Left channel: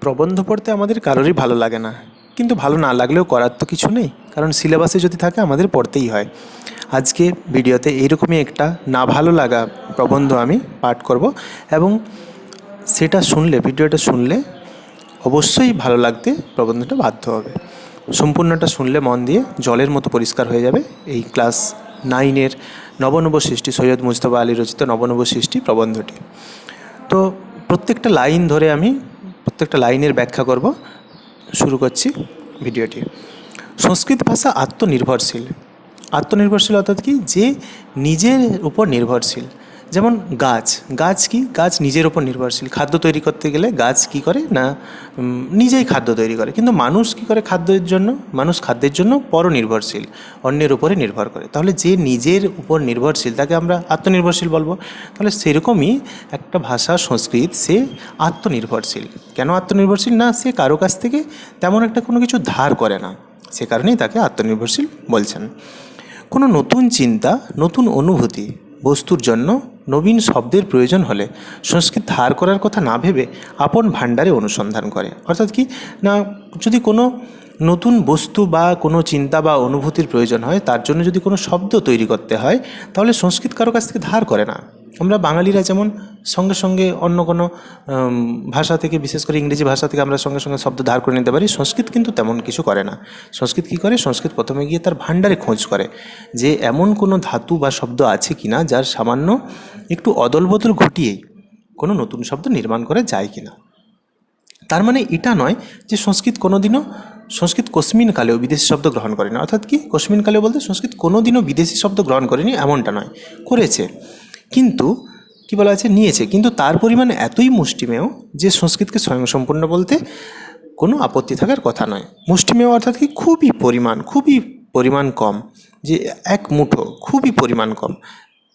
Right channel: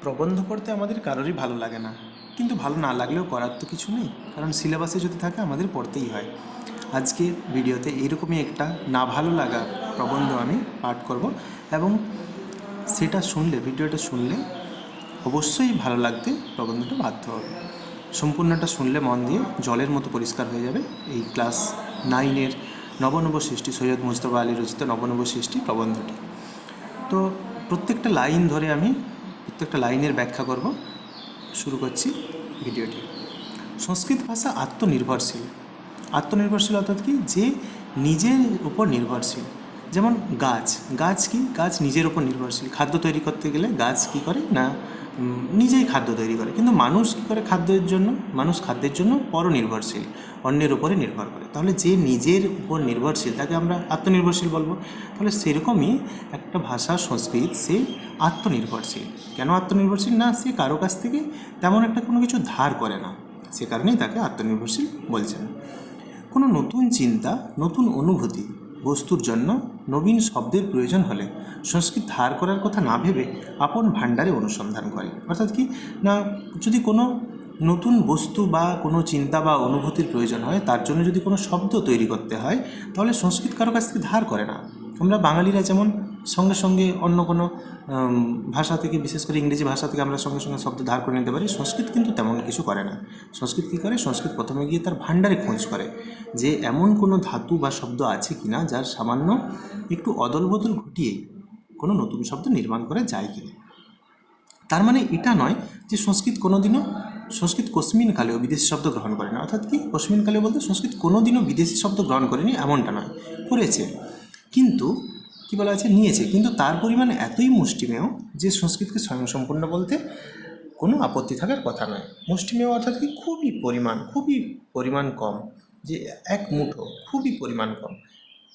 প্রবন্ধ পড়তে আমাদের কারোরই ভালো লাগে না। কিন্তু ভালো না লাগলেও করার তো কিছু নেই। কারণ সিলেবাসে যদি থাকে, আমাদের পড়তেই হয়। আজকে ভিডিওতে এইরকমই একটা না ভালো লাগা প্রবন্ধ আমি পাঠ করব এবং সেটা শুনলে, ভিডিওটা শুনলে অবশ্যই ভালো লাগতে প্রবন্ধটা বাধ্য হবে। সম্পূর্ণটা শুনলে মন দিয়ে জলের মতো পরিষ্কার হয়ে যাবে। এই ক্লাস নাইনের নবনব সৃষ্টি সৈয়দ মুজতবা আলী রচিত নবনব সৃষ্টি প্রবন্ধটি। তো প্রত্যেকটা লাইন ধরে আমি প্রত্যেকটা লাইনের ব্যাখ্যা করব। শুরু করছি ভিডিওটি। সংস্কৃত ভাষা আত্মনির্ভরশীল। আত্মনির্ভরশীল অর্থাৎ কি? যে নিজের উপর নির্ভরশীল। যেমন গাছ গাছ কি? গাছ নিজের ওপর নির্ভরশীল। খাদ্য তৈরি করতে গেলে গাছ কি করে? না নিজেই খাদ্য তৈরি করে। কিন্তু মানুষ কি করে খাদ্যের জন্য? মানুষ খাদ্যের জন্য পরনির্ভরশীল, অন্যের উপরে নির্ভর করে। তাহলে যে নিজের উপর নির্ভরশীল, তাকে আমরা আত্মনির্ভরশীল বলব। তাহলে সেরকমই একটা ভাষা, সংস্কৃত, সে আত্মনির্ভরশীল। কেন আত্মনির্ভরশীল? না, সে কারও কাছ থেকে তেমন একটা কোনো কিছু ধার করে না। সে কারণেই তাকে আত্মনির্ভরশীল বলছেন। কোনো নতুন চিন্তা, নতুন অনুভূতি বস্তুর জন্য নবীন শব্দের প্রয়োজন হলে সংস্কৃত ধার করার কথা না ভেবে আপন ভাণ্ডারে অনুসন্ধান করে। অর্থাৎ কি? না, যদি কোনো নতুন বস্তু বা কোনো চিন্তা বা অনুভূতির প্রয়োজন হয়, তার জন্য যদি কোনো শব্দ তৈরি করতে হয়, তাহলে সংস্কৃত কারও কাছ থেকে ধার করে না। আমরা বাঙালিরা যেমন সঙ্গে সঙ্গে অন্য কোনো ভাষা থেকে, বিশেষ করে ইংরেজি ভাষা থেকে আমরা সঙ্গে সঙ্গে শব্দ ধার করে নিতে পারি, সংস্কৃত কিন্তু তেমন কিছু করে না। সংস্কৃত কী করে? সংস্কৃত প্রথমে গিয়ে তার ভাণ্ডারে খোঁজ করে, যে এমন কোনো ধাতু বা শব্দ আছে কি না যার সামান্য একটু অদল বদল ঘটিয়েই কোনো নতুন শব্দ নির্মাণ করা যায় কি না তার মানে এটা নয় যে সংস্কৃত কোনোদিনও, সংস্কৃত কস্মিন কালেও বিদেশি শব্দ গ্রহণ করেনি। অর্থাৎ কি? কস্মিন কালেও বলতে সংস্কৃত কোনোদিনও বিদেশি শব্দ গ্রহণ করেনি, এমনটা নয়। করেছে। কিন্তু, কি বলা আছে নিয়েছে। কিন্তু তার পরিমাণ এতই মুষ্টিমেয় যে সংস্কৃতকে স্বয়ংসম্পূর্ণ বলতে কোনো আপত্তি থাকার কথা নয়। মুষ্টিমেয় অর্থাৎ কি? খুবই পরিমাণ খুবই পরিমাণ কম, যে এক মুঠো, খুবই পরিমাণ কম।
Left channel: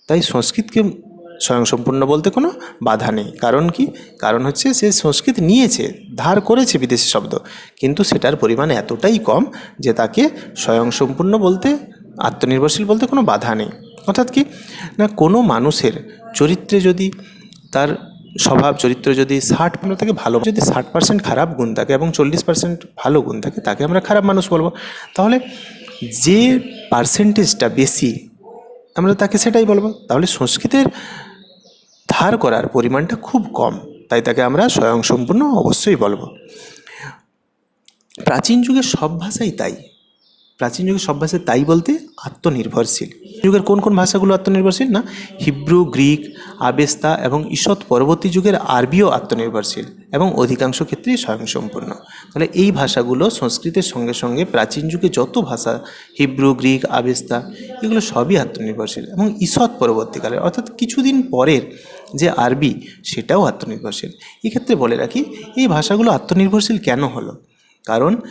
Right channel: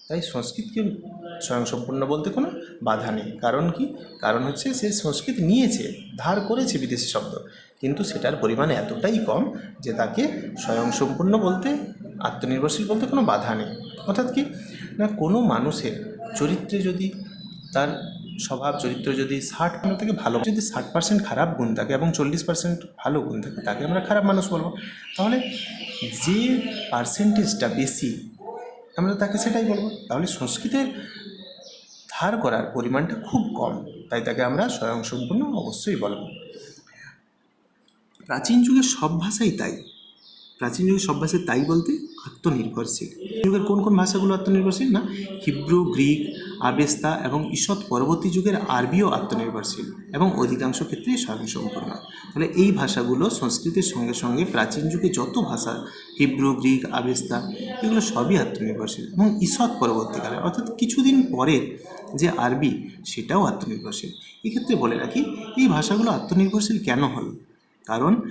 তাই সংস্কৃতকে স্বয়ংসম্পূর্ণ বলতে কোনো বাধা নেই। কারণ কি? কারণ হচ্ছে সে সংস্কৃত নিয়েছে, ধার করেছে বিদেশি শব্দ। কিন্তু সেটার পরিমাণ এতটাই কম যে তাকে স্বয়ংসম্পূর্ণ বলতে, আত্মনির্ভরশীল বলতে কোনো বাধা নেই। অর্থাৎ কি? না, কোনো মানুষের চরিত্রে যদি তার স্বভাব, চরিত্র যদি ষাট আমরা তাকে ভালো যদি ষাট পার্সেন্ট খারাপ গুণ থাকে এবং চল্লিশ পার্সেন্ট ভালো গুণ থাকে, তাকে আমরা খারাপ মানুষ বলব। তাহলে যে পার্সেন্টেজটা বেশি, আমরা তাকে সেটাই বলব। তাহলে সংস্কৃতের ধার করার পরিমাণটা খুব কম, তাই তাকে আমরা স্বয়ংসম্পূর্ণ অবশ্যই বলব। প্রাচীন যুগের সব ভাষাই তাই। প্রাচীন যুগের সব ভাষা তাই বলতে আত্মনির্ভরশীল। যুগের কোন কোন ভাষাগুলো আত্মনির্ভরশীল না? হিব্রু, গ্রিক, আবেস্তা এবং ঈষৎ পরবর্তী যুগের আরবিও আত্মনির্ভরশীল এবং অধিকাংশ ক্ষেত্রেই স্বয়ংসম্পূর্ণ। তাহলে এই ভাষাগুলো সংস্কৃতের সঙ্গে সঙ্গে প্রাচীন যুগে যত ভাষা হিব্রু, গ্রিক, আবেস্তা, এগুলো সবই আত্মনির্ভরশীল এবং ঈষৎ পরবর্তীকালে, অর্থাৎ কিছুদিন পরের যে আরবি, সেটাও আত্মনির্ভরশীল। এক্ষেত্রে বলে রাখি, এই ভাষাগুলো আত্মনির্ভরশীল কেন হলো? কারণ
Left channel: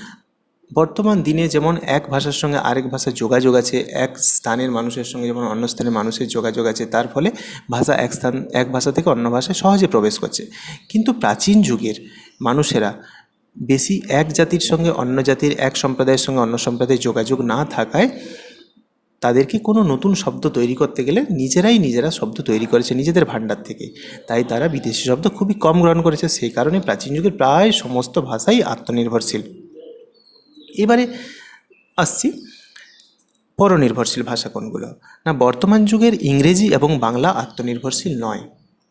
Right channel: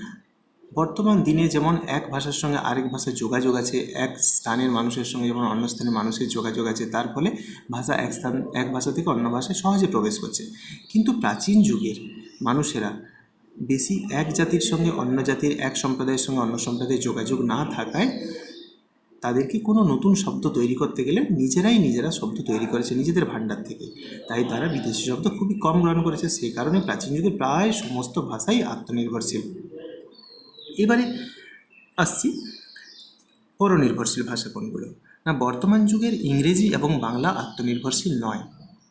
বর্তমান দিনে যেমন এক ভাষার সঙ্গে আরেক ভাষার যোগাযোগ আছে, এক স্থানের মানুষের সঙ্গে যেমন অন্য স্থানের মানুষের যোগাযোগ আছে, তার ফলে ভাষা এক স্থান, এক ভাষা থেকে অন্য ভাষায় সহজে প্রবেশ করছে। কিন্তু প্রাচীন যুগের মানুষেরা বেশি এক জাতির সঙ্গে, অন্য জাতির এক সম্প্রদায়ের সঙ্গে, অন্য সম্প্রদায়ের যোগাযোগ না থাকায় তাদেরকে কোনো নতুন শব্দ তৈরি করতে গেলে নিজেরাই নিজেরা শব্দ তৈরি করেছে নিজেদের ভাণ্ডার থেকে। তাই তারা বিদেশি শব্দ খুবই কম গ্রহণ করেছে, সেই কারণে প্রাচীন যুগের প্রায় সমস্ত ভাষাই আত্মনির্ভরশীল। এবারে আসছি পরনির্ভরশীল ভাষা কোনগুলো? না, বর্তমান যুগের ইংরেজি এবং বাংলা আত্মনির্ভরশীল নয়।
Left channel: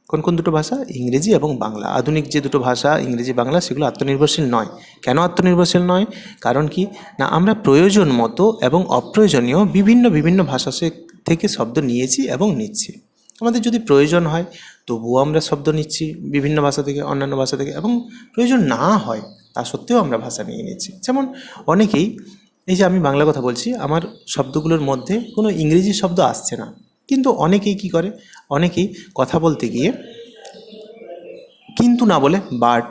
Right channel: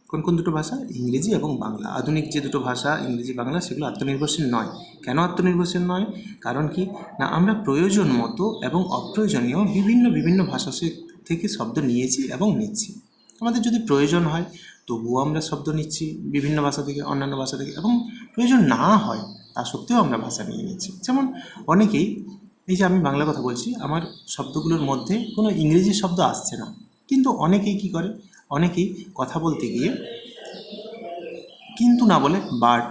কোন কোন দুটো ভাষা? ইংরেজি এবং বাংলা। আধুনিক যে দুটো ভাষা, ইংরেজি, বাংলা, সেগুলো আত্মনির্ভরশীল নয়। কেন আত্মনির্ভরশীল নয়? কারণ কি? না, আমরা প্রয়োজন মতো এবং অপ্রয়োজনীয় বিভিন্ন বিভিন্ন ভাষা থেকে শব্দ নিয়েছি এবং নিচ্ছি। আমাদের যদি প্রয়োজন হয়, তবুও আমরা শব্দ নিচ্ছি বিভিন্ন ভাষা থেকে, অন্যান্য ভাষা থেকে এবং প্রয়োজন না হয় তা সত্ত্বেও আমরা ভাষা নিয়ে নিচ্ছি যেমন অনেকেই, এই যে আমি বাংলা কথা বলছি, আমার শব্দগুলোর মধ্যে কোনো ইংরেজি শব্দ আসছে না। কিন্তু অনেকেই কি করে? অনেকেই কথা বলতে গিয়ে কিন্তু না বলে বাট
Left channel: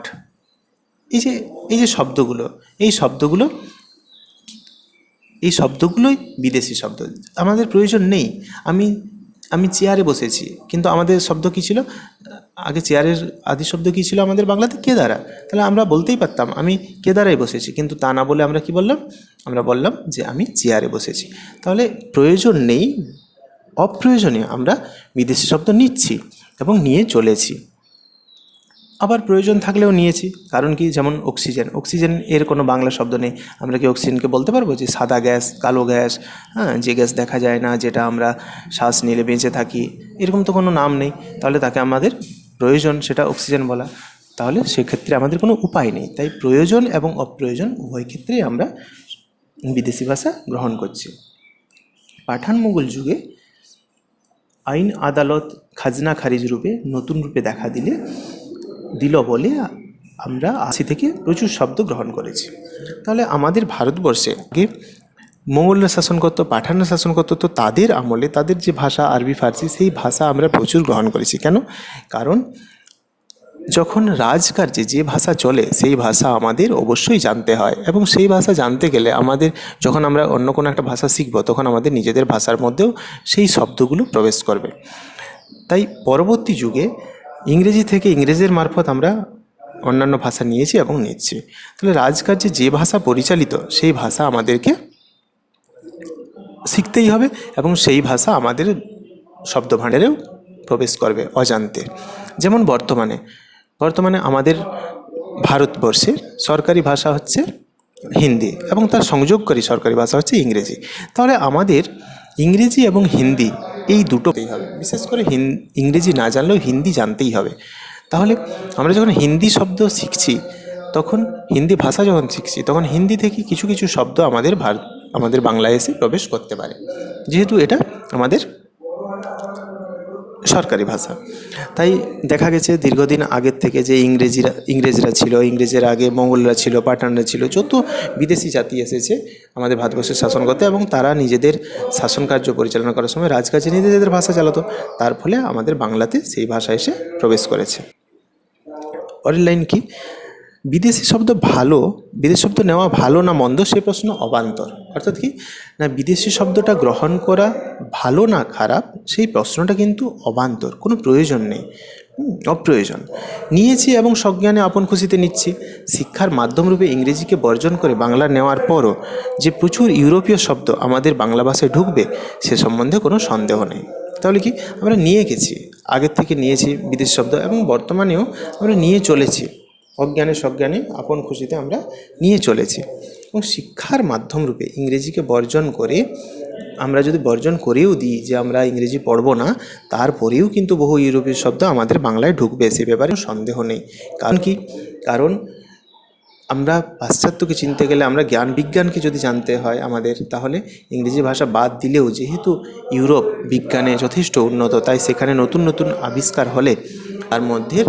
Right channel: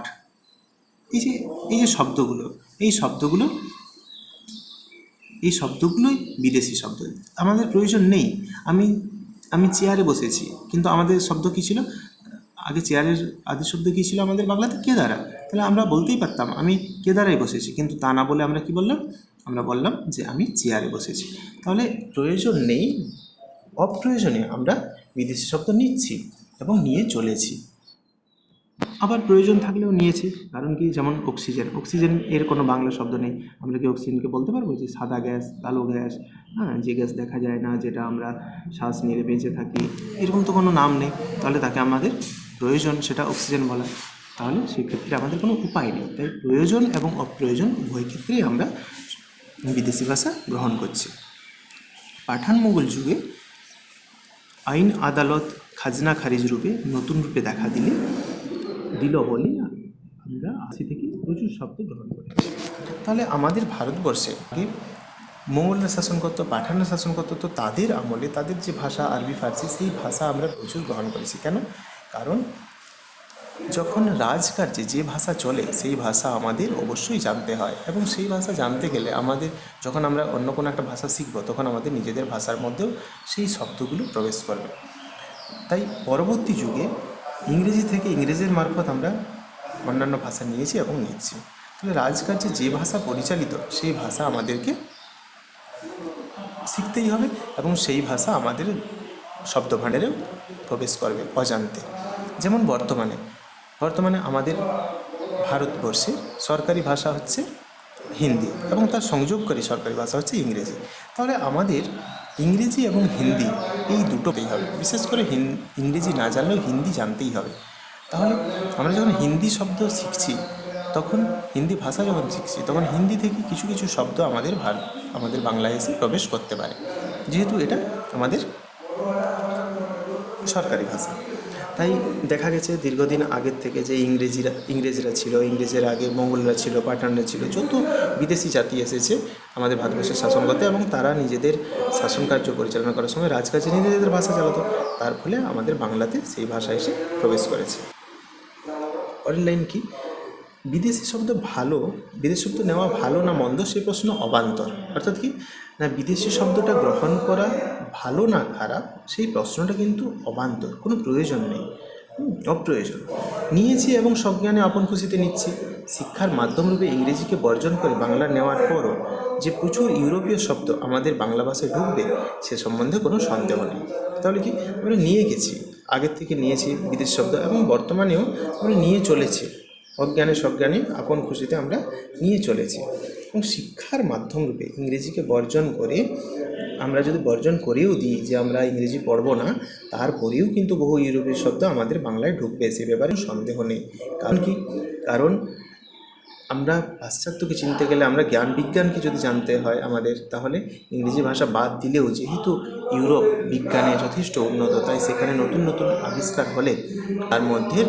এই যে এই যে শব্দগুলো, এই শব্দগুলো, এই শব্দগুলোই বিদেশি শব্দ। আমাদের প্রয়োজন নেই। আমি আমি চেয়ারে বসেছি, কিন্তু আমাদের শব্দ কী ছিল? আগে চেয়ারের আদি শব্দ কী ছিল আমাদের বাংলাতে? কেদারা তাহলে আমরা বলতেই পারতাম, আমি কেদারায় বসেছি? কিন্তু তা না বলে আমরা কি বললাম? আমরা বললাম যে আমি চেয়ারে বসেছি। তাহলে প্রয়োজন নেই, অপ্রয়োজনীয় আমরা বিদেশি শব্দ নিচ্ছি এবং নিয়ে চলেছি। আবার প্রয়োজন থাকলেও নিয়েছি, কারণ কি? যেমন অক্সিজেন। অক্সিজেন এর কোনো বাংলা শব্দ নেই। আমরা কি অক্সিজেনকে বলতে পারব? যে সাদা গ্যাস, কালো গ্যাস হ্যাঁ যে গ্যাস দেখা যায় না, যেটা আমরা শ্বাস নিলে বেঁচে থাকি, এরকম তো কোনো নাম নেই। তাহলে তাকে আমাদের প্রয়োজন সেটা অক্সিজেন বলা। তাহলে সেক্ষেত্রে আমাদের কোনো উপায় নেই। তাই প্রয়োজন এবং অপ্রয়োজন উভয় ক্ষেত্রেই আমরা বিদেশি ভাষা গ্রহণ করছি। পাঠান মুঘল যুগে আইন আদালত খাজনা খারিজ রূপে নতুন রূপে দেখা দিলে, দিল বলে আমরা আশি থেকে প্রচুর শব্দ গ্রহণ করেছি। তাহলে আমাদের ভারতবর্ষে আগে মঙ্গলরা শাসন করত, পাঠানরা শাসন করত, তো তাদের আমলে, তাদের যে ভাষা আরবি, ফার্সি, সেই ভাষা আমরা প্রচুর গ্রহণ করেছি। কেন? কারণ যখন রাজকার্যে যে ভাষা চলে, সেই ভাষা আমাদের অবশ্যই জানতে হয়। এবং সেই ভাষা জানতে গেলে আমাদের, যখন আমরা অন্য কোনো একটা ভাষা শিখব, তখন আমাদের নিজেদের ভাষার মধ্যেও সেই শব্দগুলো প্রবেশ করবে। তাই পরবর্তী যুগে ইংরেজি থেকে ইংরেজের মারফত আমরা অন্যান্য ভাষা নিয়েছি এবং নিচ্ছি। তাহলে রাজকার্যে যে ভাষা পরিচালিত, সেই ভাষা আমাদেরকে শিখতেই হবে এবং সেই ভাষা আমাদের শব্দভাণ্ডারেও প্রবেশ করবে অজান্তে। যেমন বর্তমানে বর্তমানে আমাদের ভারতবর্ষের সরকারি ভাষা হচ্ছে হিন্দি এবং তার সংযোগকারী সরকারি ভাষা হচ্ছে ইংরেজি। তাহলে আমাদের ইংরেজি এবং হিন্দি এই দুটোতেই হবে। বিশেষ করে ইংরেজি না জানলেও হিন্দি জানতেই হবে। তাহলে আমরা যখন হিন্দি শব্দ শিখছি, তখন হিন্দি ভাষা যখন শিখছি, তখন হিন্দি থেকে কিছু কিছু শব্দ আমাদের ভারত আমাদের বাংলায় এসে প্রবেশ করতে পারে। যেহেতু এটা আমাদের সরকারি ভাষা। তাই দেখা গেছে দীর্ঘদিন আগের থেকে যে ইংরেজিরা, ইংরেজরা ছিল, ইংরেজের আগে মঙ্গলরা ছিল, পাঠানরা ছিল, যত বিদেশি জাতি এসেছে আমাদের ভারতবর্ষের শাসন করতে এবং তারা নিজেদের শাসন কার্য পরিচালনা করার সময় রাজকাজে নিজেদের ভাষা চালাতো। তার ফলে আমাদের বাংলাতে সেই ভাষা এসে প্রবেশ করেছে। পরের লাইন কি? বিদেশি শব্দ ভালো, বিদেশি শব্দ নেওয়া ভালো না মন্দ, সে প্রশ্ন অবান্তর। অর্থাৎ কি? না, বিদেশি শব্দটা গ্রহণ করা ভালো না খারাপ, সেই প্রশ্নটা কিন্তু অবান্তর, কোনো প্রয়োজন নেই। অপ্রয়োজন। নিয়েছি এবং সজ্ঞানে আপন খুশিতে নিচ্ছি। শিক্ষার মাধ্যমরূপে ইংরেজিকে বর্জন করে বাংলা নেওয়ার পরও যে প্রচুর ইউরোপীয় শব্দ আমাদের বাংলা ভাষায় ঢুকবে, সে সম্বন্ধে কোনো সন্দেহ নেই। তাহলে কি? আমরা নিয়ে গেছি। আগের থেকে নিয়েছি বিদেশি শব্দ এবং বর্তমানেও আমরা নিয়ে চলেছি। অজ্ঞানে সজ্ঞানে আপন খুশিতে আমরা নিয়ে চলেছি। এবং শিক্ষার মাধ্যম রূপে ইংরেজিকে বর্জন করে, আমরা যদি বর্জন করেও দিই যে আমরা ইংরেজি পড়ব না, তারপরেও কিন্তু বহু ইউরোপীয় শব্দ আমাদের বাংলায় ঢুকবে, সে ব্যাপারে সন্দেহ নেই। কারণ কি? কারণ আমরা পাশ্চাত্যকে চিনতে গেলে আমরা জ্ঞান বিজ্ঞানকে যদি জানতে হয় আমাদের, তাহলে ইংরেজি ভাষা বাদ দিলেও যেহেতু ইউরোপ বিজ্ঞানে যথেষ্ট উন্নত, তাই সেখানে নতুন নতুন আবিষ্কার হলে তার মধ্যে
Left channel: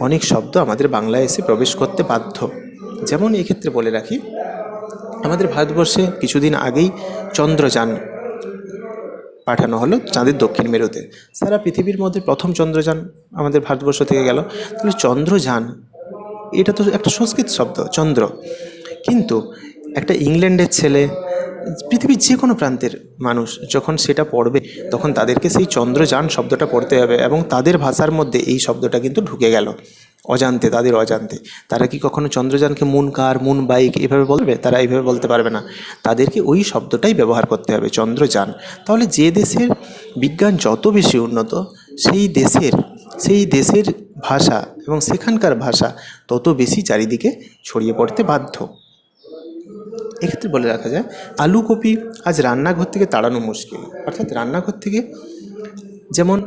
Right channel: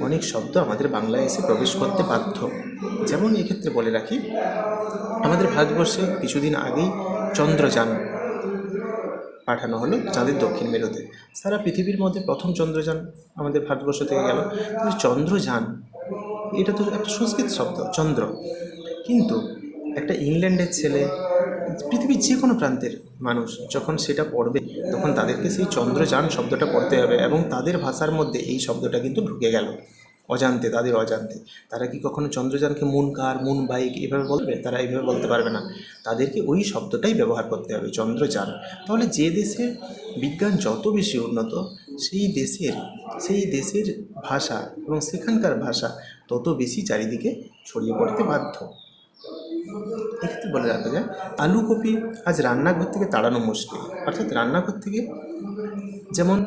অনেক শব্দ আমাদের বাংলায় এসে প্রবেশ করতে বাধ্য। যেমন এক্ষেত্রে বলে রাখি, আমাদের ভারতবর্ষে কিছুদিন আগেই চন্দ্রযান পাঠানো হলো চাঁদের দক্ষিণ মেরুতে। সারা পৃথিবীর মধ্যে প্রথম চন্দ্রযান আমাদের ভারতবর্ষ থেকে গেল। কিন্তু চন্দ্রযান, এটা তো একটা সংস্কৃত শব্দ, চন্দ্র। কিন্তু একটা ইংল্যান্ডের ছেলে পৃথিবীর যে কোনো প্রান্তের মানুষ যখন সেটা পড়বে, তখন তাদেরকে সেই চন্দ্রযান শব্দটা পড়তে হবে এবং তাদের ভাষার মধ্যে এই শব্দটা কিন্তু ঢুকে গেল। অজান্তে, তাদের অজান্তে। তারা কি কখনো চন্দ্রযানকে মুন কার, মুন বাইক এভাবে বলবে? তারা এইভাবে বলতে পারবে না। তাদেরকে ওই শব্দটাই ব্যবহার করতে হবে, চন্দ্রযান। তাহলে যে দেশের বিজ্ঞান যত বেশি উন্নত, সেই দেশের সেই দেশের ভাষা এবং সেখানকার ভাষা তত বেশি চারিদিকে ছড়িয়ে পড়তে বাধ্য। এক্ষেত্রে বলে রাখা যায়, আলু কপি আজ রান্নাঘর থেকে তাড়ানো মুশকিল। অর্থাৎ রান্নাঘর থেকে যেমন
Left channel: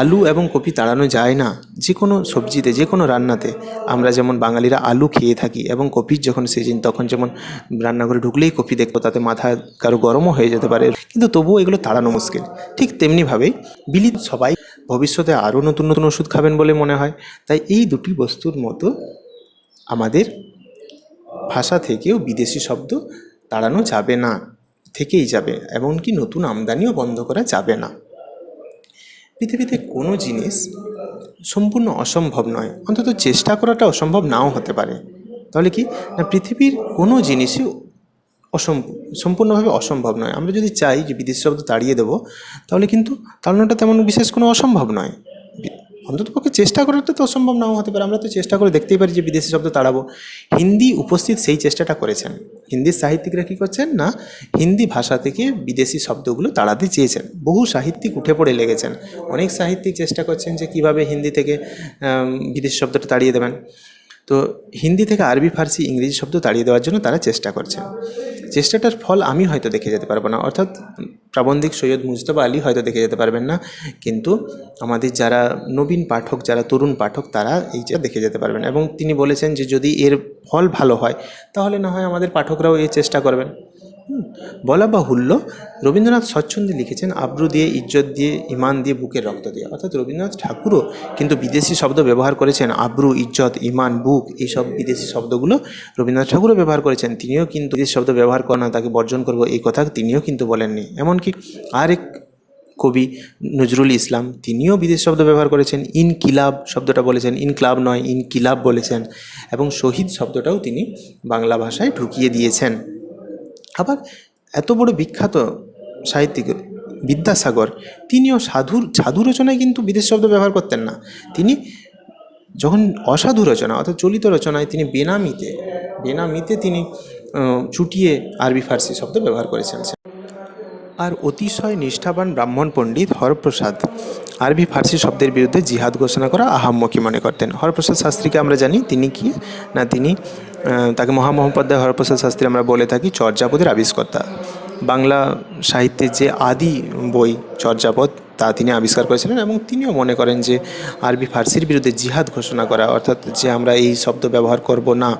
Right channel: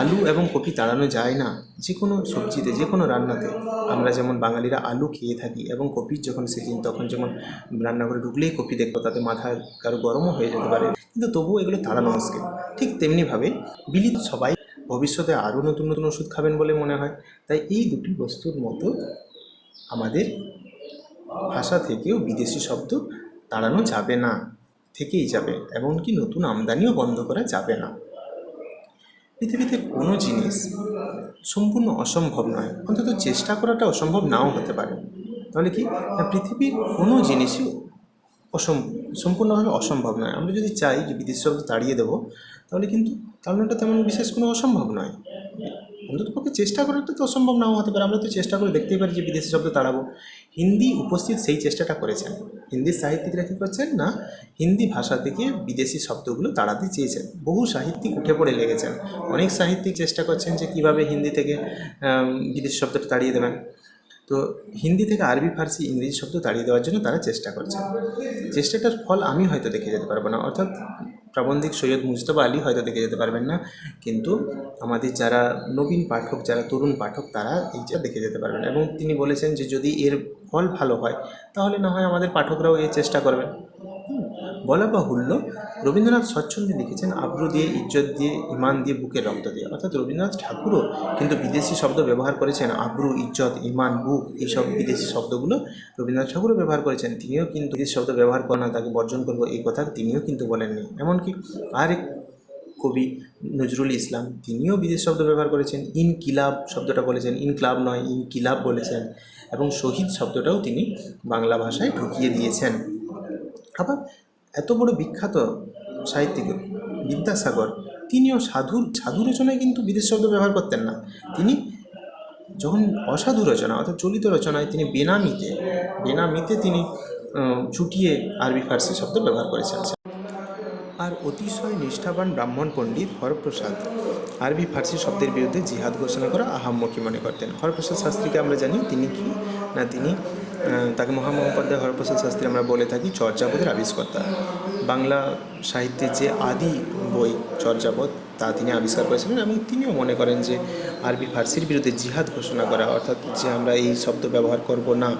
আলু এবং কপি তাড়ানো যায় না যে কোনো সবজিতে যে কোনো রান্নাতে আমরা যেমন বাঙালিরা আলু খেয়ে থাকি এবং কপির যখন সিজন তখন যেমন রান্নাঘরে ঢুকলেই কপি দেখব, তাতে মাথা কারও গরমও হয়ে যেতে পারে। কিন্তু তবুও এগুলো তাড়ানো মুশকিল। ঠিক তেমনিভাবেই বিলিত সবাই ভবিষ্যতে আরও নতুন নতুন ওষুধ খাবেন বলে মনে হয়। তাই এই দুটি বস্তুর মতো আমাদের ভাষা থেকেও বিদেশি শব্দ তাড়ানো যাবে না, থেকেই যাবে, এমনকি নতুন আমদানিও বন্ধ করা যাবে না। পৃথিবীতে কোনো জিনিস সম্পূর্ণ অসম্ভব নয়, অন্তত চেষ্টা করাটা অসম্ভব নাও হতে পারে। তাহলে কি? না, পৃথিবীর কোনো জিনিসই অসম সম্পূর্ণভাবে অসম্ভব নয়। আমরা যদি চাই যে বিদেশি শব্দ তাড়িয়ে দেবো, তাহলে কিন্তু তাড়ানোটা তেমন বিশেষ কোনো অসম্ভব নয়। অন্ততপক্ষে চেষ্টা করতে তো অসম্ভব নাও হতে পারে। আমরা তো চেষ্টা করে দেখতেই পারি যে বিদেশি শব্দ তাড়াবো। হিন্দি উপস্থিত সেই চেষ্টাটা করেছেন। হিন্দির সাহিত্যিকরা কী করছেন না? হিন্দি ভাষা থেকে বিদেশি শব্দগুলো তাড়াতে চেয়েছেন। বহু সাহিত্যিক উঠে পড়ে লেগেছেন। অনেক সাহিত্যিক চেষ্টা করছেন যে কীভাবে হিন্দি থেকে বিদেশি শব্দটা তাড়িয়ে দেবেন। তো হিন্দি থেকে আরবি, ফার্সি, ইংরেজি শব্দ তাড়িয়ে দেওয়ার জন্য তারা চেষ্টা করছে। চেষ্টাটার ফল আমি হয়তো দেখে যেতে পারব না। অর্থাৎ প্রাবন্ধিক সৈয়দ মুজতবা আলী হয়তো দেখে যেতে পারবেন না। কিন্তু আমাদের যারা নবীন পাঠক, যারা তরুণ পাঠক, তারা এইটা দেখে যেতে পারবেন। এবং তিনি বলেছেন যে যদি এর ফল ভালো হয়, তাহলে না হয় আমাদের পাঠকরাও এই চেষ্টা করবেন। বলা বাহুল্য। রবীন্দ্রনাথ স্বচ্ছন্দে লিখেছেন, আব্রু দিয়ে, ইজ্জত দিয়ে, ইমান দিয়ে বুকের রক্ত দিয়ে। অর্থাৎ রবীন্দ্রনাথ ঠাকুরও কিন্তু বিদেশি শব্দ ব্যবহার করেছেন, আব্রু, ইজ্জত, ইমান, বুক, এইসব বিদেশি শব্দগুলো রবীন্দ্রনাথ ঠাকুরও ব্যবহার করেছেন। তিনিও কিন্তু বিদেশি শব্দ ব্যবহার করেন না, তাকে বর্জন করব, এই কথা তিনিও কিন্তু বলেননি। এমনকি আরেক কবি, নজরুল ইসলাম, তিনিও বিদেশ শব্দ ব্যবহার করেছেন, ইনকিলাব শব্দটা বলেছেন, ইনক্লাব নয়, ইনকিলাব বলেছেন। এবং শহীদ শব্দটাও তিনি বাংলা ভাষায় ঢুকিয়ে দিয়েছেন। আবার এত বড় বিখ্যাত সাহিত্যিক বিদ্যাসাগর, তিনিও সাধুর, সাধু রচনায় কিন্তু বিদেশ শব্দ ব্যবহার করতেন না। তিনি যখন অসাধু রচনা অর্থাৎ চলিত রচনায় তিনি বেনামিতে বেনামিতে তিনি চুটিয়ে আরবি ফার্সি শব্দ ব্যবহার করেছেন আর অতিশয় নিষ্ঠাবান ব্রাহ্মণ পণ্ডিত হরপ্রসাদ, আরবি ফার্সি শব্দের বিরুদ্ধে জিহাদ ঘোষণা করা আহাম্মকি মনে করতেন। হরপ্রসাদ শাস্ত্রীকে আমরা জানি তিনি কি? না তিনি তাকে মহামহোপাধ্যায় হরপ্রসাদ শাস্ত্রী আমরা বলে থাকি চর্যাপদের আবিষ্কর্তা। বাংলা সাহিত্যের যে আদি বই চর্যাপদ, তা তিনি আবিষ্কার করেছিলেন এবং তিনিও মনে করেন যে আরবি ফার্সির বিরুদ্ধে জিহাদ ঘোষণা করা, অর্থাৎ যে আমরা এই শব্দ ব্যবহার করব না,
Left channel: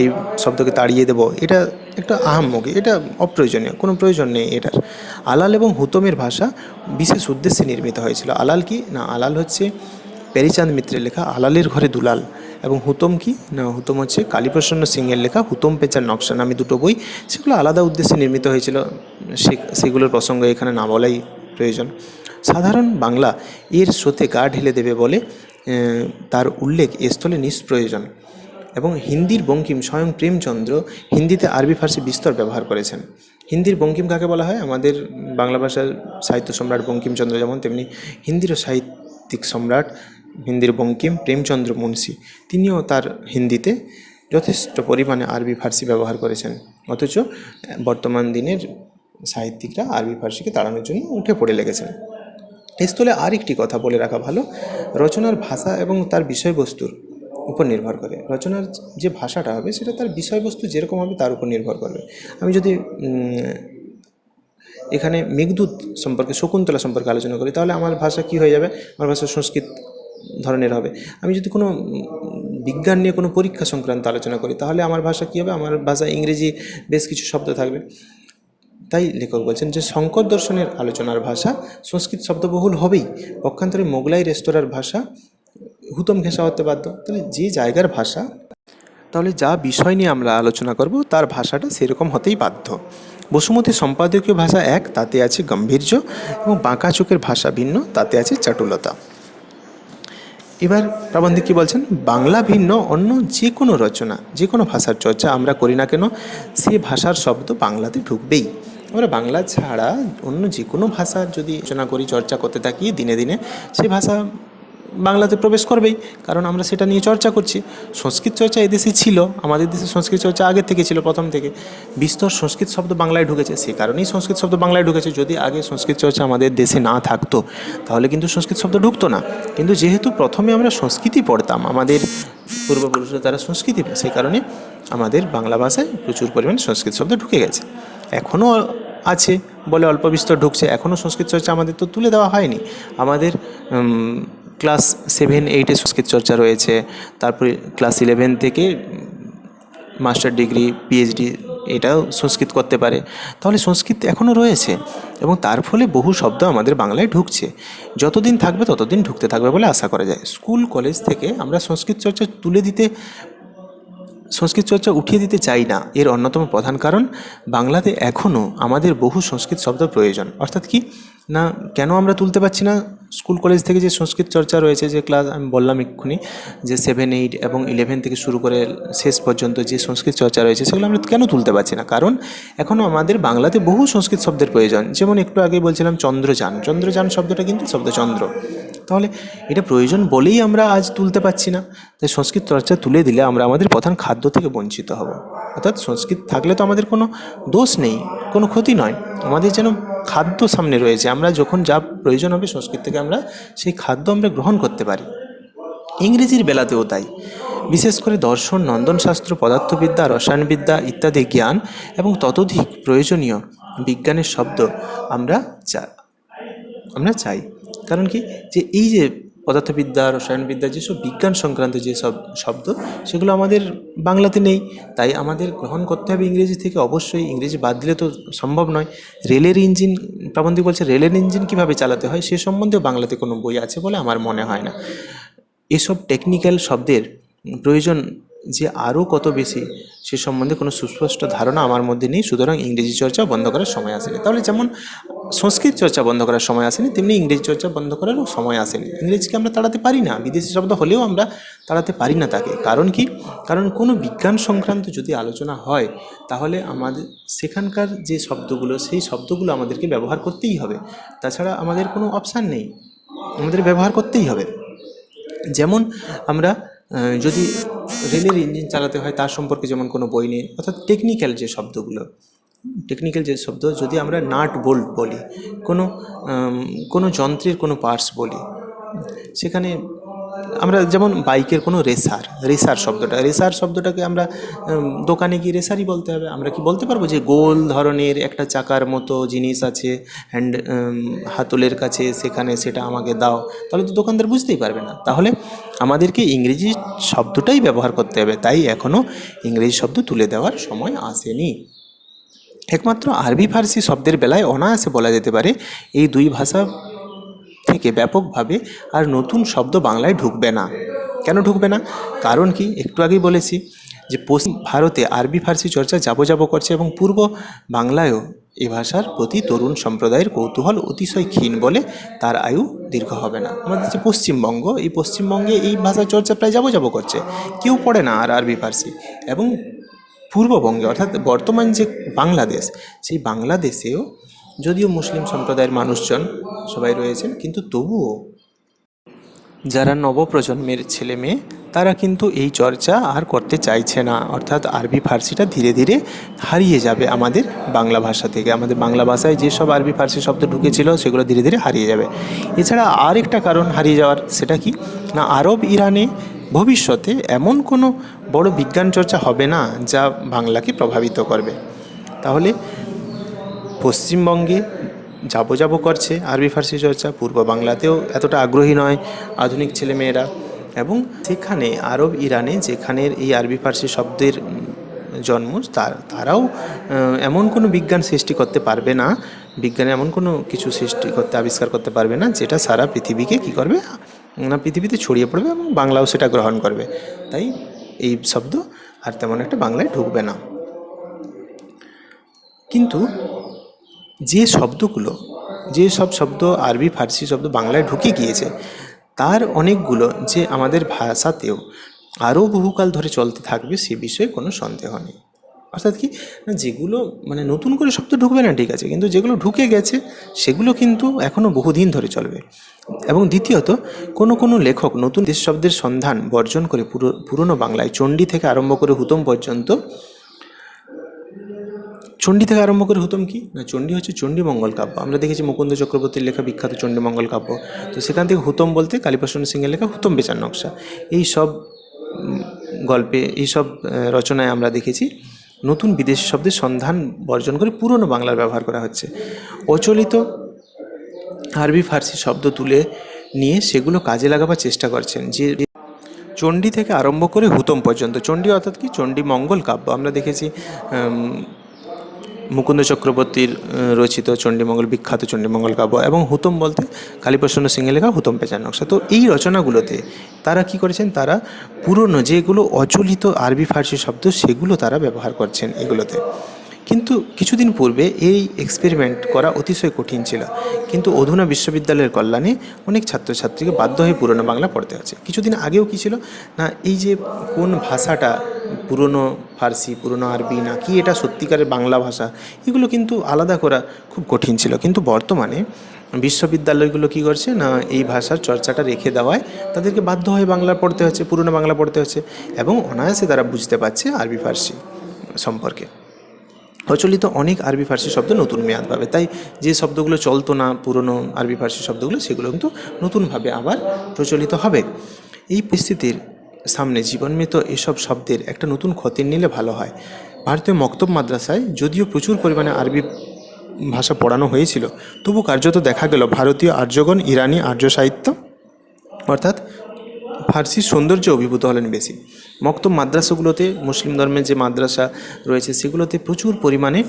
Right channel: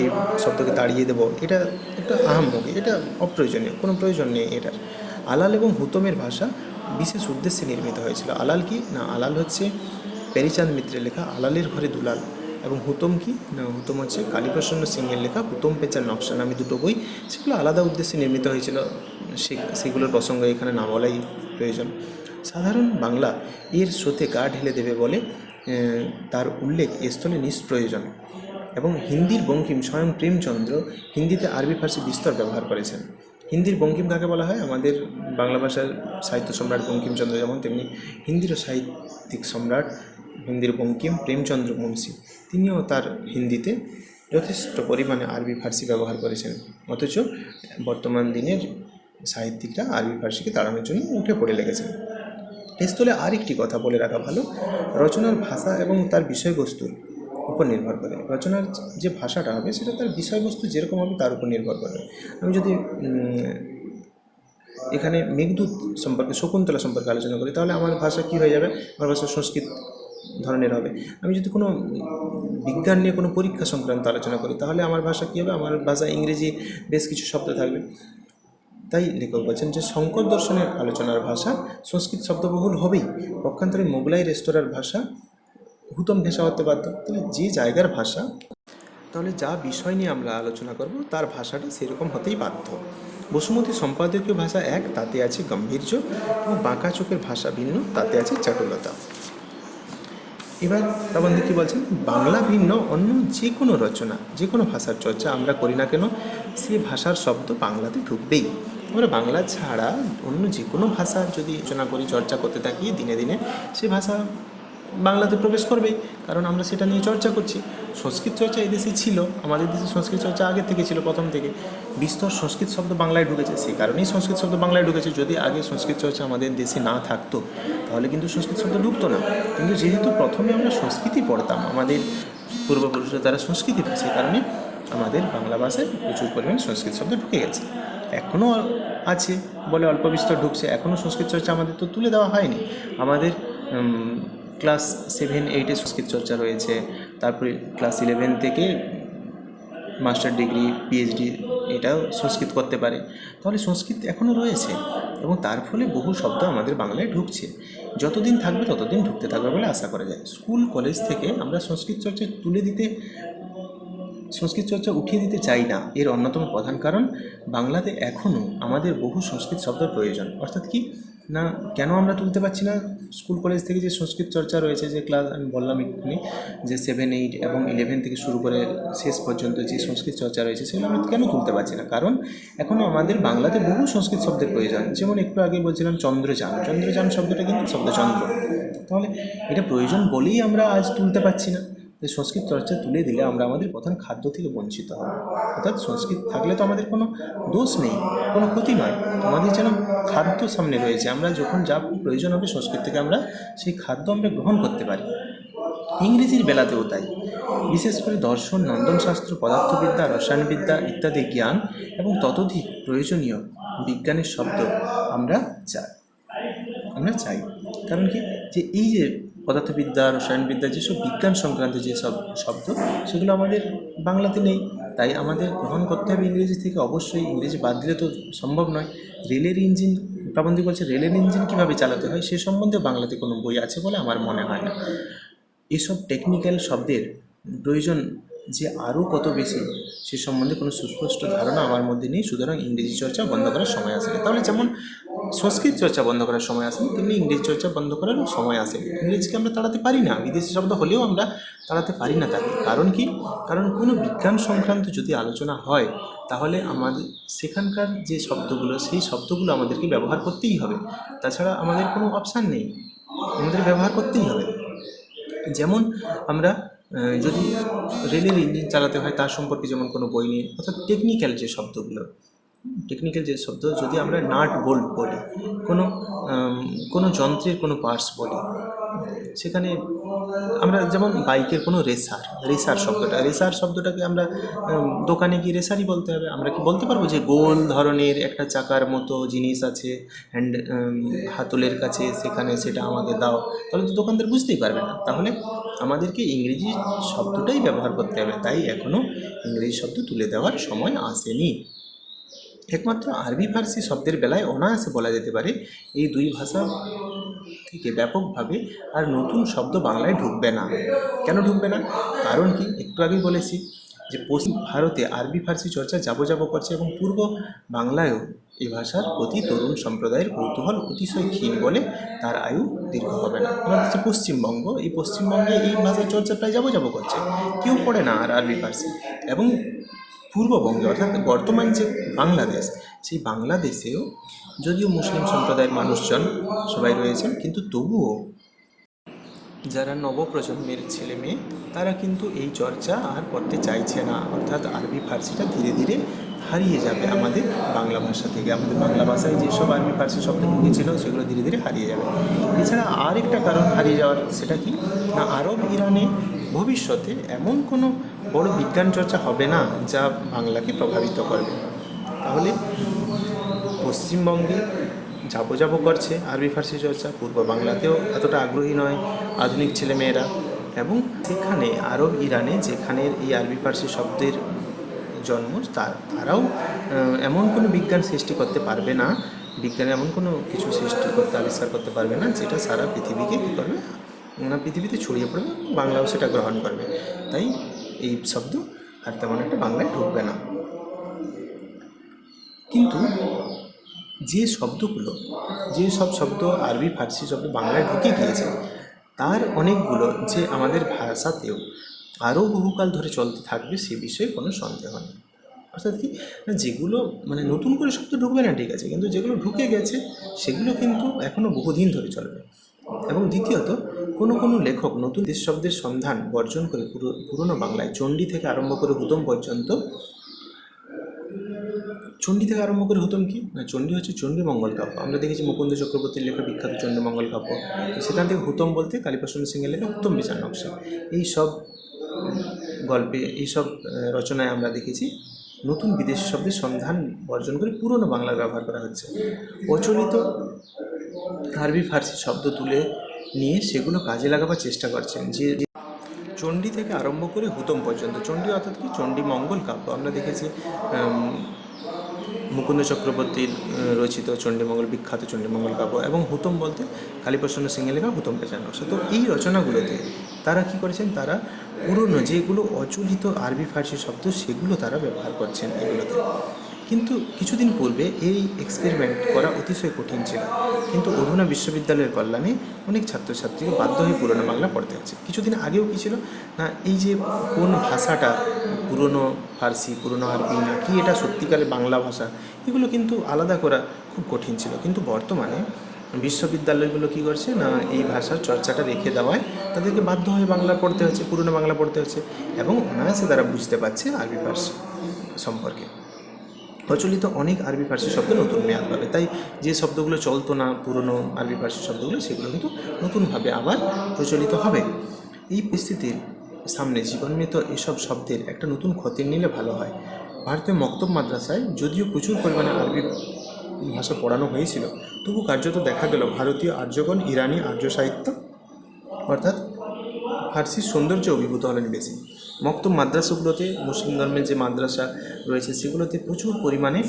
এই শব্দকে তাড়িয়ে দেব, এটা একটা আহাম্মকি, এটা অপ্রয়োজনীয়, কোনো প্রয়োজন নেই এটার। আলাল এবং হুতমের ভাষা বিশেষ উদ্দেশ্যে নির্মিত হয়েছিল। আলাল কি? না, আলাল হচ্ছে প্যারিচাঁদ মিত্রের লেখা আলালের ঘরে দুলাল। এবং হুতম কি? না, হুতম হচ্ছে কালীপ্রসন্ন সিংয়ের লেখা হুতম পেচার নকশা নামে দুটো বই। সেগুলো আলাদা উদ্দেশ্যে নির্মিত হয়েছিল। সেগুলোর প্রসঙ্গ এখানে না বলাই প্রয়োজন। সাধারণ বাংলা এর স্রোতে গা ঢেলে দেবে বলে তার উল্লেখ এ স্থলে নিষ্প্রয়োজন। এবং হিন্দির বঙ্কিম স্বয়ং প্রেমচন্দ্র হিন্দিতে আরবি ফার্সি বিস্তর ব্যবহার করেছেন। হিন্দির বঙ্কিম কাকে বলা হয়? আমাদের বাংলা ভাষার সাহিত্য সম্রাট বঙ্কিমচন্দ্র যেমন, তেমনি হিন্দিরও সাহিত্যিক সম্রাট হিন্দির বঙ্কিম, প্রেমচন্দ্র মুন্সি, তিনিও তার হিন্দিতে যথেষ্ট পরিমাণে আরবি, ফার্সি ব্যবহার করেছেন। অথচ বর্তমান দিনের সাহিত্যিকরা আরবি, ফার্সিকে তাড়ানোর জন্য উঠে পড়ে লেগেছেন। এই স্থলে আরেকটি কথা বলে রাখা ভালো, রচনার ভাষা এবং তার বিষয়বস্তুর উপর নির্ভর করে। রচনার যে ভাষাটা হবে, সেটা তার বিষয়বস্তু যেরকম হবে, তার উপর নির্ভর করবে। আমি যদি এখানে মেঘদূত সম্পর্কে, শকুন্তলা সম্পর্কে আলোচনা করি, তাহলে আমার ভাষা কি হয়ে যাবে? আমার ভাষা সংস্কৃত ধরনের হবে। আমি যদি কোনো বিজ্ঞান নিয়ে কোনো পরীক্ষা সংক্রান্ত আলোচনা করি, তাহলে আমার ভাষা কী হবে? আমার ভাষা ইংরেজি বেশ কিছু শব্দ থাকবে। তাই লেখক বলছেন যে শঙ্কর দর্শনের আলোচনার ভাষা সংস্কৃত শব্দবহুল হবেই। পক্ষান্তরে মোগলাই রেস্তোরাঁর ভাষা হুতম ঘেঁষা হতে বাধ্য। তাহলে যে জায়গার ভাষা, তাহলে যা বিষয় নিয়ে আমরা আলোচনা করব, তার ভাষাটা সেরকম হতেই বাধ্য। বসুমতী সম্পাদকীয় ভাষা এক, তাতে আছে গাম্ভীর্য এবং বাঁকা চোখের ভাষা ভিন্ন, তাতে আছে চাটুলতা। এবার প্রাবন্ধিক কী বলছেন? বাংলা ভিন্ন, অন্য যে কোনো রচনা যে কোনো ভাষার চর্চা আমরা করি না কেন, সে ভাষার শব্দ বাংলাতে ঢুকবেই। আমরা বাংলা ছাড়া অন্য যে কোনো ভাষা যদি রচনা করি, চর্চা করতে থাকি দিনে দিনে, সে ভাষা বাংলাতে প্রবেশ করবেই, কারণ আমরা সেটা নিয়ে চর্চা করছি। সংস্কৃত চর্চা এদেশে ছিল, আমাদের দেশে সংস্কৃত চর্চা আগে থেকে ছিল, প্রথম থেকে। বিস্তর সংস্কৃত শব্দ বাংলায় ঢুকেছে, সেই কারণেই সংস্কৃত শব্দ বাংলায় ঢুকেছে। যদি আগে সংস্কৃত চর্চা আমাদের দেশে না থাকতো, তাহলে কিন্তু সংস্কৃত শব্দ ঢুকতো না। কিন্তু যেহেতু প্রথমে আমরা সংস্কৃতি পড়তাম, আমাদের পূর্বপুরুষরা তারা সংস্কৃতি সেই কারণে আমাদের বাংলা ভাষায় প্রচুর পরিমাণে সংস্কৃত শব্দ ঢুকে গেছে। এখনও আছে বলে অল্প বিস্তর ঢুকছে, এখনও সংস্কৃত চর্চা আমাদের তো তুলে দেওয়া হয়নি। আমাদের ক্লাস সেভেন, এইটে সংস্কৃত চর্চা রয়েছে। তারপরে ক্লাস ইলেভেন থেকে মাস্টার ডিগ্রি, পিএইচডি এটাও সংস্কৃত করতে পারে। তাহলে সংস্কৃত এখনও রয়েছে এবং তার ফলে বহু শব্দ আমাদের বাংলায় ঢুকছে। যতদিন থাকবে ততদিন ঢুকতে থাকবে বলে আশা করা যায়। স্কুল, কলেজ থেকে আমরা সংস্কৃত চর্চা তুলে দিতে, সংস্কৃত চর্চা উঠিয়ে দিতে চাই না। এর অন্যতম প্রধান কারণ, বাংলাতে এখনও আমাদের বহু সংস্কৃত শব্দ প্রয়োজন। অর্থাৎ কি? না, কেন আমরা তুলতে পারছি না? স্কুল, কলেজ থেকে যে সংস্কৃত চর্চা রয়েছে, যে ক্লাস আমি বললাম এক্ষুনি, যে সেভেন এইট এবং ইলেভেন থেকে শুরু করে শেষ পর্যন্ত যে সংস্কৃত চর্চা রয়েছে, সেগুলো আমরা কেন তুলতে পারছি না? কারণ এখনও আমাদের বাংলাতে বহু সংস্কৃত শব্দের প্রয়োজন। যেমন একটু আগে বলছিলাম চন্দ্রযান। চন্দ্রযান শব্দটা কিন্তু শব্দ চন্দ্র তাহলে এটা প্রয়োজন বলেই আমরা আজ তুলতে পারছি না। তাই সংস্কৃত চর্চা তুলে দিলে আমরা আমাদের প্রধান খাদ্য থেকে বঞ্চিত হব। অর্থাৎ সংস্কৃত থাকলে তো আমাদের কোনো দোষ নেই, কোনো ক্ষতি নয়। আমাদের যেন খাদ্য সামনে রয়েছে। আমরা যখন যা প্রয়োজন হবে সংস্কৃত থেকে আমরা সেই খাদ্য আমরা গ্রহণ করতে পারি। ইংরেজির বেলাতেও তাই। বিশেষ করে দর্শন, নন্দনশাস্ত্র, পদার্থবিদ্যা, রসায়নবিদ্যা ইত্যাদি জ্ঞান এবং ততোধিক প্রয়োজনীয় বিজ্ঞানের শব্দ আমরা চা- আমরা চাই। কারণ কি? যে এই যে পদার্থবিদ্যা, রসায়নবিদ্যা, যেসব বিজ্ঞান সংক্রান্ত যেসব শব্দ, সেগুলো আমাদের বাংলাতে নেই। তাই আমাদের গ্রহণ করতে হবে ইংরেজি থেকে। অবশ্যই ইংরেজি বাদ দিলে তো সম্ভব নয়। রেলের ইঞ্জিন, প্রাবন্ধিক বলছে রেলের ইঞ্জিন কীভাবে চালাতে হয়, সে সম্বন্ধেও বাংলাতে কোনো বই আছে বলে আমার মনে হয় না। এসব টেকনিক্যাল শব্দের প্রয়োজন যে আরও কত বেশি, সে সম্বন্ধে কোনো সুস্পষ্ট ধারণা আমার মধ্যে নেই। সুতরাং ইংরেজি চর্চা বন্ধ করার সময় আসেনি। তাহলে যেমন সংস্কৃত চর্চা বন্ধ করার সময় আসেনি, তেমনি ইংরেজি চর্চা বন্ধ করারও সময় আসেনি। ইংরেজিকে আমরা তাড়াতে পারি না, বিদেশি শব্দ হলেও আমরা তাড়াতে পারি না তাকে। কারণ কি? কারণ কোনো বিজ্ঞান সংক্রান্ত যদি আলোচনা হয়, তাহলে আমাদের সেখানকার যে শব্দগুলো, সেই শব্দগুলো আমাদেরকে ব্যবহার করতেই হবে। তাছাড়া আমাদের কোনো অপশান নেই। আমাদের ব্যবহার করতেই হবে। যেমন আমরা যদি রেলের ইঞ্জিন চালাতে হয়, তার সম্পর্কে যেমন কোনো বই নেই, অর্থাৎ টেকনিক্যাল যে শব্দগুলো টেকনিক্যাল যে শব্দ, যদি আমরা নাট বোল্ট বলি, কোনো কোনো যন্ত্রের কোনো পার্টস বলি, সেখানে আমরা যেমন বাইকের কোনো রেসার রেসার শব্দটা, রেসার শব্দটাকে আমরা দোকানে গিয়ে রেসারই বলতে হবে। আমরা কি বলতে পারব যে গোল ধরনের একটা চাকার মতো জিনিস আছে হ্যান্ড হাতলের কাছে সেখানে সেটা আমাকে দাও। তাহলে তো দোকানদার বুঝতেই পারবে না। তাহলে আমাদেরকে ইংরেজি শব্দটাই ব্যবহার করতে হবে। তাই এখনও ইংরেজি শব্দ তুলে দেওয়ার সময় আসেনি। একমাত্র আরবি ফার্সি শব্দের বেলায় অনায়াসে বলা যেতে পারে, এই দুই ভাষা থেকে ব্যাপকভাবে আর নতুন শব্দ বাংলায় ঢুকবে না। কেন ঢুকবে না? কারণ কি? একটু আগেই বলেছি যে পশ্চিম ভারতে আরবি ফার্সি চর্চা যাব যাব করছে এবং পূর্ব বাংলায়ও এ ভাষার প্রতি তরুণ সম্প্রদায়ের কৌতূহল অতিশয় ক্ষীণ বলে তার আয়ু দীর্ঘ হবে না। আমাদের যে পশ্চিমবঙ্গ, এই পশ্চিমবঙ্গে এই ভাষার চর্চা প্রায় যাব যাব করছে। কেউ পড়ে না আর আরবি, ফার্সি এবং পূর্ববঙ্গে অর্থাৎ বর্তমান যে বাংলাদেশ, সেই বাংলাদেশেও যদিও মুসলিম সম্প্রদায়ের মানুষজন সবাই রয়েছেন, কিন্তু তবুও যারা নবপ্রজন্মের ছেলে মেয়ে, তারা কিন্তু এই চর্চা আর করতে চাইছে না। অর্থাৎ আরবি ফার্সিটা ধীরে ধীরে হারিয়ে যাবে আমাদের বাংলা ভাষা থেকে। আমাদের বাংলা ভাষায় যেসব আরবি ফার্সি শব্দ ঢুকেছিল, সেগুলো ধীরে ধীরে হারিয়ে যাবে। এছাড়া আর একটা কারণ হারিয়ে যাওয়ার, সেটা কি? না, আরব ইরানে ভবিষ্যতে এমন কোনো বড় বিজ্ঞান চর্চা হবে না, যা বাংলাকে প্রভাবিত করবে। তাহলে পশ্চিমবঙ্গে যাব যাব করছে। আরবি, ফার্সি চর্চা, পূর্ব বাংলাতেও এতটা আগ্রহী নয় আধুনিক ছেলেমেয়েরা। এবং সেখানে আরব, ইরানে যেখানের এই আরবি, ফার্সি শব্দের জন্ম, তার, তারাও এমন কোনো বিজ্ঞান সৃষ্টি করতে পারবে না। বিজ্ঞানে এমন কোনো কিছু সৃষ্টি করতে, আবিষ্কার করতে পারবে না, যেটা সারা পৃথিবীকে কী করবে? না, পৃথিবীতে ছড়িয়ে পড়বে এবং বাংলাও সেটা গ্রহণ করবে। তাই এই শব্দ আর তেমন একটা বাংলায় ঢুকবে না। কিন্তু যে শব্দগুলো, যে সব শব্দ আরবি, ফার্সি শব্দ বাংলায় ঢুকে গিয়েছে, তার অনেকগুলো যে আমাদের ভাষাতেও আরও বহুকাল ধরে চলতে থাকবে সে বিষয়ে কোনো সন্দেহ নেই। অর্থাৎ কি? যেগুলো মানে নতুন করে শব্দ ঢুকবে না, ঠিক আছে, কিন্তু যেগুলো ঢুকে গেছে, সেগুলো কিন্তু এখনও বহুদিন ধরে চলবে। এবং দ্বিতীয়ত, কোনো কোনো লেখক নতুন দেশ শব্দের সন্ধান বর্জন করে পুরো, পুরনো বাংলায় চণ্ডী থেকে আরম্ভ করে হুতম পর্যন্ত চণ্ডী থেকে আরম্ভ করে হুতম কি? না, চণ্ডী হচ্ছে চণ্ডীমঙ্গল কাব্য। আমরা দেখেছি মুকুন্দ চক্রবর্তীর লেখা বিখ্যাত চণ্ডীমঙ্গল কাব্য। তো সেখান থেকে হুতম বলতে কালীপ্রসন্ন সিংহের লেখা হুতম বেচার নকশা। এই সব গল্পে, এই সব রচনায় আমরা দেখেছি নতুন বিদেশি শব্দের সন্ধান বর্জন করে পুরনো বাংলার ব্যবহার করা হচ্ছে। অচলিত আরবি ফার্সি শব্দ তুলে নিয়ে সেগুলো কাজে লাগাবার চেষ্টা করছেন। যে চণ্ডী থেকে আরম্ভ করে হুতম পর্যন্ত। চণ্ডী অর্থাৎ কি? চণ্ডী মঙ্গল কাব্য। আমরা দেখেছি মুকুন্দ চক্রবর্তীর রচিত চণ্ডীমঙ্গল বিখ্যাত চণ্ডীমঙ্গল কাব্য এবং হুতম বলতে কালীপ্রসন্ন সিংহের লেখা হুতম পেঁচার নকশা। তো এই রচনাগুলোতে তারা কি করেছেন? তারা পুরনো যেগুলো অচলিত আরবি ফার্সি শব্দ, সেগুলো তারা ব্যবহার করছেন এগুলোতে। কিন্তু কিছুদিন পূর্বে এই এক্সপেরিমেন্ট করা অতিশয় কঠিন ছিল। কিন্তু অধুনা বিশ্ববিদ্যালয়ের কল্যাণে অনেক ছাত্রছাত্রীকে বাধ্য হয়ে পুরনো বাংলা পড়তে হচ্ছে। কিছুদিন আগেও কী ছিল? না, এই যে কোন ভাষাটা, পুরনো ফার্সি, পুরনো আরবি, না কি এটা সত্যিকারের বাংলা ভাষা, এগুলো কিন্তু আলাদা করা খুব কঠিন ছিল। কিন্তু বর্তমানে বিশ্ববিদ্যালয়গুলো কী করছে? না, এই ভাষার চর্চাটা রেখে দেওয়ায় তাদেরকে বাধ্য হয়ে বাংলা পড়তে হচ্ছে, পুরনো বাংলা পড়তে হচ্ছে এবং অনায়াসে তারা বুঝতে পারছে আরবি ফার্সি সম্পর্কে। প্রচলিত অনেক আরবি ফার্সি শব্দ নতুন মেয়াদ পাবে। তাই যে শব্দগুলো চলতো না, পুরনো আরবি ফার্সি শব্দগুলো, সেগুলো কিন্তু নতুনভাবে আবার প্রচলিত হবে। এই পরিস্থিতির সামনে জীবনমৃত এসব শব্দের একটা নতুন খতির নিলে ভালো হয়। ভারতীয় মক্তব মাদ্রাসায় যদিও প্রচুর পরিমাণে আরবি ভাষা পড়ানো হয়েছিল, তবু কার্যত দেখা গেল ভারতীয় আর্যগণ, ইরানি আর্য সাহিত্য, অর্থাৎ ফার্সির সৌন্দর্যে অভিভূত হলেন বেশি। মক্তব মাদ্রাসাগুলোতে, মুসলিম ধর্মের যে মাদ্রাসা রয়েছে, সেগুলোতে প্রচুর পরিমাণে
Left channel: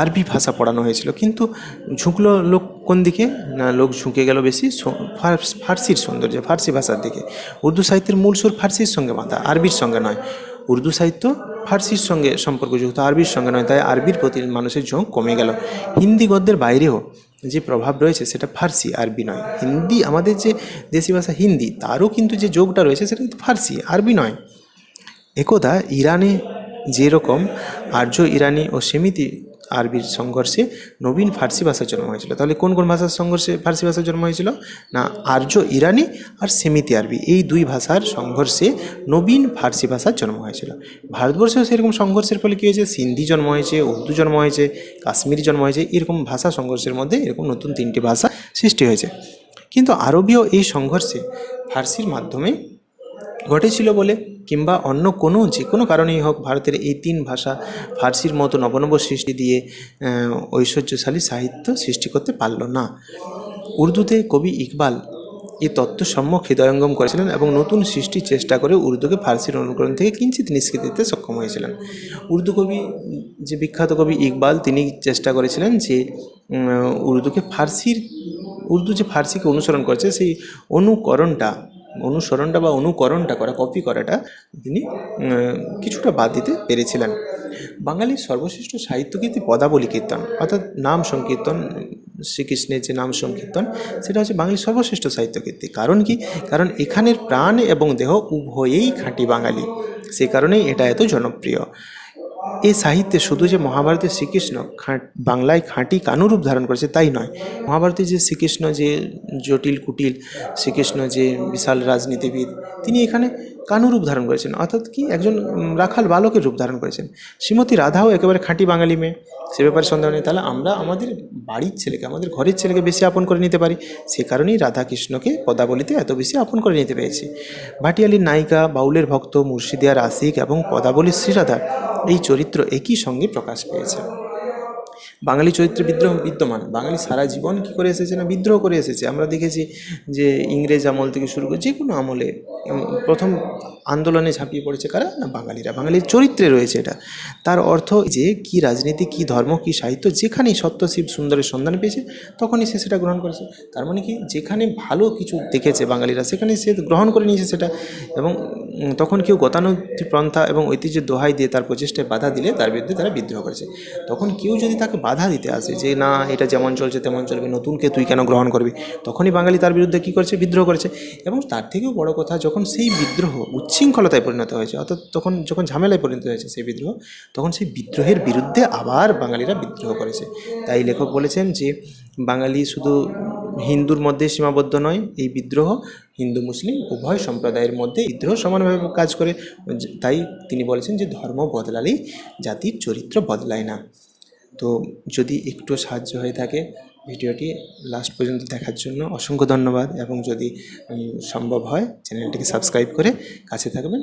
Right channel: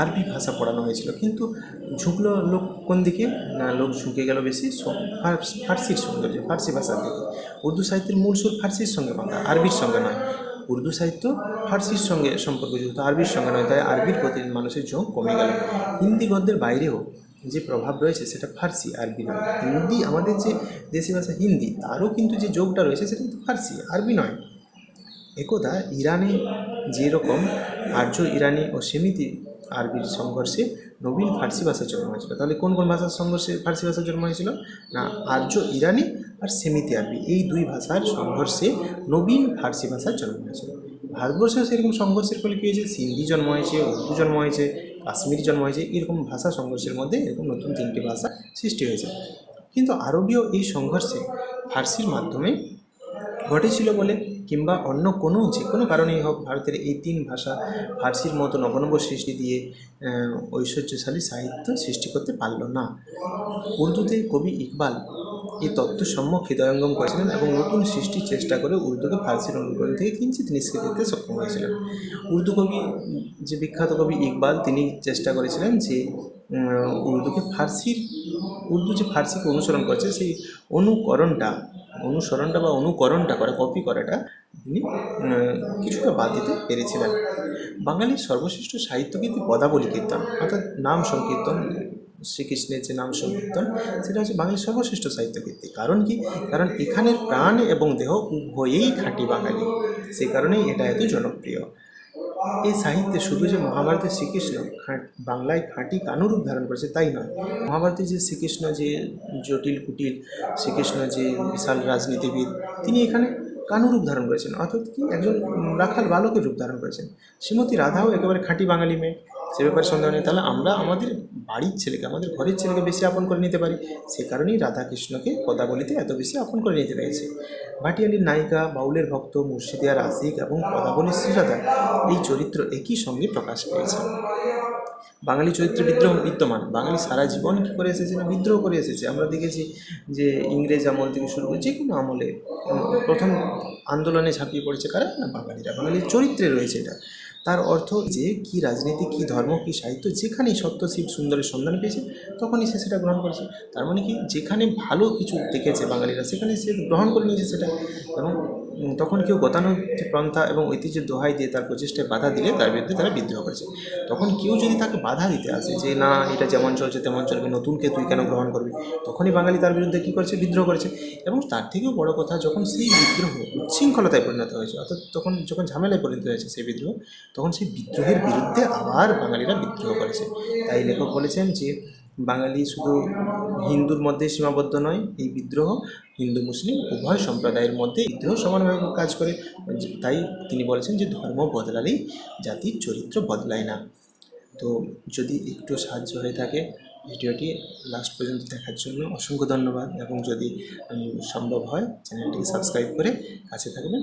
আরবি ভাষা পড়ানো হয়েছিল। কিন্তু ঝুঁকলো লোক কোন দিকে? না, লোক ঝুঁকে গেল বেশি ফার্সির সৌন্দর্য, ফার্সি ভাষার দিকে। উর্দু সাহিত্যের মূল সুর ফার্সির সঙ্গে বাঁধা, আরবির সঙ্গে নয়। উর্দু সাহিত্য ফার্সির সঙ্গে সম্পর্কযুক্ত, আরবির সঙ্গে নয়। তাই আরবির প্রতি মানুষের ঝোঁক কমে গেল। হিন্দি গদ্যের বাইরেও যে প্রভাব রয়েছে সেটা ফার্সি, আরবি নয়। হিন্দি, আমাদের যে দেশি ভাষা হিন্দি, তারও কিন্তু যে যোগটা রয়েছে সেটা কিন্তু ফার্সি, আরবি নয়। একদা ইরানে যেরকম আর্য ইরানি ও সেমিতি আরবির সংঘর্ষে নবীন ফার্সি ভাষার জন্ম হয়েছিল। তাহলে কোন কোন ভাষার সংঘর্ষে ফার্সি ভাষার জন্ম হয়েছিল? না, আর্য, ইরানি আর সেমিতি আরবি। এই দুই ভাষার সংঘর্ষে নবীন ফার্সি ভাষার জন্ম হয়েছিল। ভারতবর্ষেও সেরকম সংঘর্ষের ফলে কী হয়েছে? সিন্ধি জন্ম হয়েছে, উর্দু জন্ম হয়েছে, কাশ্মীরি জন্ম হয়েছে, এরকম ভাষা সংঘর্ষের মধ্যে এরকম নতুন তিনটি ভাষা সৃষ্টি হয়েছে। কিন্তু আরবীয় এই সংঘর্ষে ফার্সির মাধ্যমে ঘটেছিল বলে কিংবা অন্য কোনো, যে কোনো কারণেই হোক ভারতের এই তিন ভাষা ফার্সির মতো নবনব সৃষ্টি দিয়ে ঐশ্বর্যশালী সাহিত্য সৃষ্টি করতে পারল না। উর্দুতে কবি ইকবাল এই তত্ত্ব সম্যক হৃদয়ঙ্গম করেছিলেন এবং নতুন সৃষ্টির চেষ্টা করে উর্দুকে ফার্সির অনুকরণ থেকে কিঞ্চিত নিষ্কৃতি দিতে সক্ষম হয়েছিলেন। উর্দু কবি, যে বিখ্যাত কবি ইকবাল, তিনি চেষ্টা করেছিলেন যে উর্দুকে ফার্সির, উর্দু যে ফার্সিকে অনুসরণ করছে, সেই অনুকরণটা অনুসরণটা বা অনুকরণটা করা কপি করাটা তিনি কিছুটা বাদ দিতে পেরেছিলেন। বাঙালির সর্বশ্রেষ্ঠ সাহিত্যকীর্তি পদাবলী কীর্তন, অর্থাৎ নাম সংকীর্তন, শ্রীকৃষ্ণের যে নাম সংকীর্তন, সেটা হচ্ছে বাঙালির সর্বশ্রেষ্ঠ সাহিত্যকীর্তি। কারণ কি? কারণ এখানের প্রাণ এবং দেহ উভয়েই খাঁটি বাঙালি। সে কারণেই এটা এত জনপ্রিয়। এই সাহিত্যে শুধু যে মহাভারতের শ্রীকৃষ্ণ বাংলায় খাঁটি কানুরূপ ধারণ করেছে তাই নয়। মহাভারতে যে শ্রীকৃষ্ণ যে জটিল কুটিল, শ্রীকৃষ্ণ যে বিশাল রাজনীতিবিদ, তিনি এখানে কানুরূপ ধারণ করেছেন। অর্থাৎ কি? একজন রাখাল বালকের রূপ ধারণ করেছেন। শ্রীমতী রাধাও একেবারে খাঁটি বাঙালি মেয়ে। সে ব্যাপারে সন্দেহ নেই। তাহলে আমরা আমাদের বাড়ির ছেলেকে, আমাদের ঘরের ছেলেকে বেশি আপন করে নিতে পারি। সে কারণেই রাধাকৃষ্ণকে পদাবলিতে এত বেশি আপন করে নিতে পেরেছি। ভাটিয়ালির নায়িকা, বাউলের ভক্ত মুর্শিদিয়ার আশিক এবং পদাবলীর শ্রীরাধা এই চরিত্র একই সঙ্গে প্রকাশ পেয়েছে। বাঙালি চরিত্রে বিদ্রোহ বিদ্যমান। বাঙালি সারা জীবন কী করে এসেছে না বিদ্রোহ করে এসেছে? আমরা দেখেছি যে ইংরেজ আমল থেকে শুরু করে যে কোনো আমলে প্রথম আন্দোলনে ঝাঁপিয়ে পড়েছে কারা? না বাঙালিরা। বাঙালির চরিত্রে রয়েছে এটা। তার অর্থ যে কি রাজনীতি, কি ধর্ম, কি সাহিত্য, যেখানেই সত্য, শিব সুন্দরের সন্ধান পেয়েছে, তখনই সে সেটা গ্রহণ করেছে। তার মানে কি? যেখানে ভালো কিছু দেখেছে বাঙালিরা, সেখানে সে গ্রহণ করে নিয়েছে সেটা। এবং তখন কেউ গতানুগতিক পন্থা এবং ঐতিহ্যের দোহাই দিয়ে তার প্রচেষ্টায় বাধা দিলে তার বিরুদ্ধে তারা বিদ্রোহ করেছে। তখন কেউ যদি তাকে বাধা দিতে আসে যে, না, এটা যেমন চলছে, তেমন চলবে, নতুনকে তুই কেন গ্রহণ করবি? তখনই বাঙালি তার বিরুদ্ধে কী করেছে? বিদ্রোহ করেছে। এবং তার থেকেও বড় কথা, যখন সেই বিদ্রোহ উচ্ছৃঙ্খলতায় পরিণত হয়েছে, অর্থাৎ তখন যখন ঝামেলায় পরিণত হয়েছে সেই বিদ্রোহ তখন সেই বিদ্রোহের বিরুদ্ধে আবার বাঙালিরা বিদ্রোহ করেছে। তাই লেখক বলেছেন যে, বাঙালি শুধু হিন্দুর মধ্যে সীমাবদ্ধ নয়, এই বিদ্রোহ হিন্দু মুসলিম উভয় সম্প্রদায়ের মধ্যে বিদ্রোহ সমানভাবে কাজ করে। তাই তিনি বলেছেন যে, ধর্ম বদলালেই জাতির চরিত্র বদলায় না। তো যদি একটু সাহায্য হয়ে থাকে ভিডিওটি লাস্ট পর্যন্ত দেখার জন্য অসংখ্য ধন্যবাদ। এবং যদি সম্ভব হয়, চ্যানেলটিকে সাবস্ক্রাইব করে কাছে থাকবেন।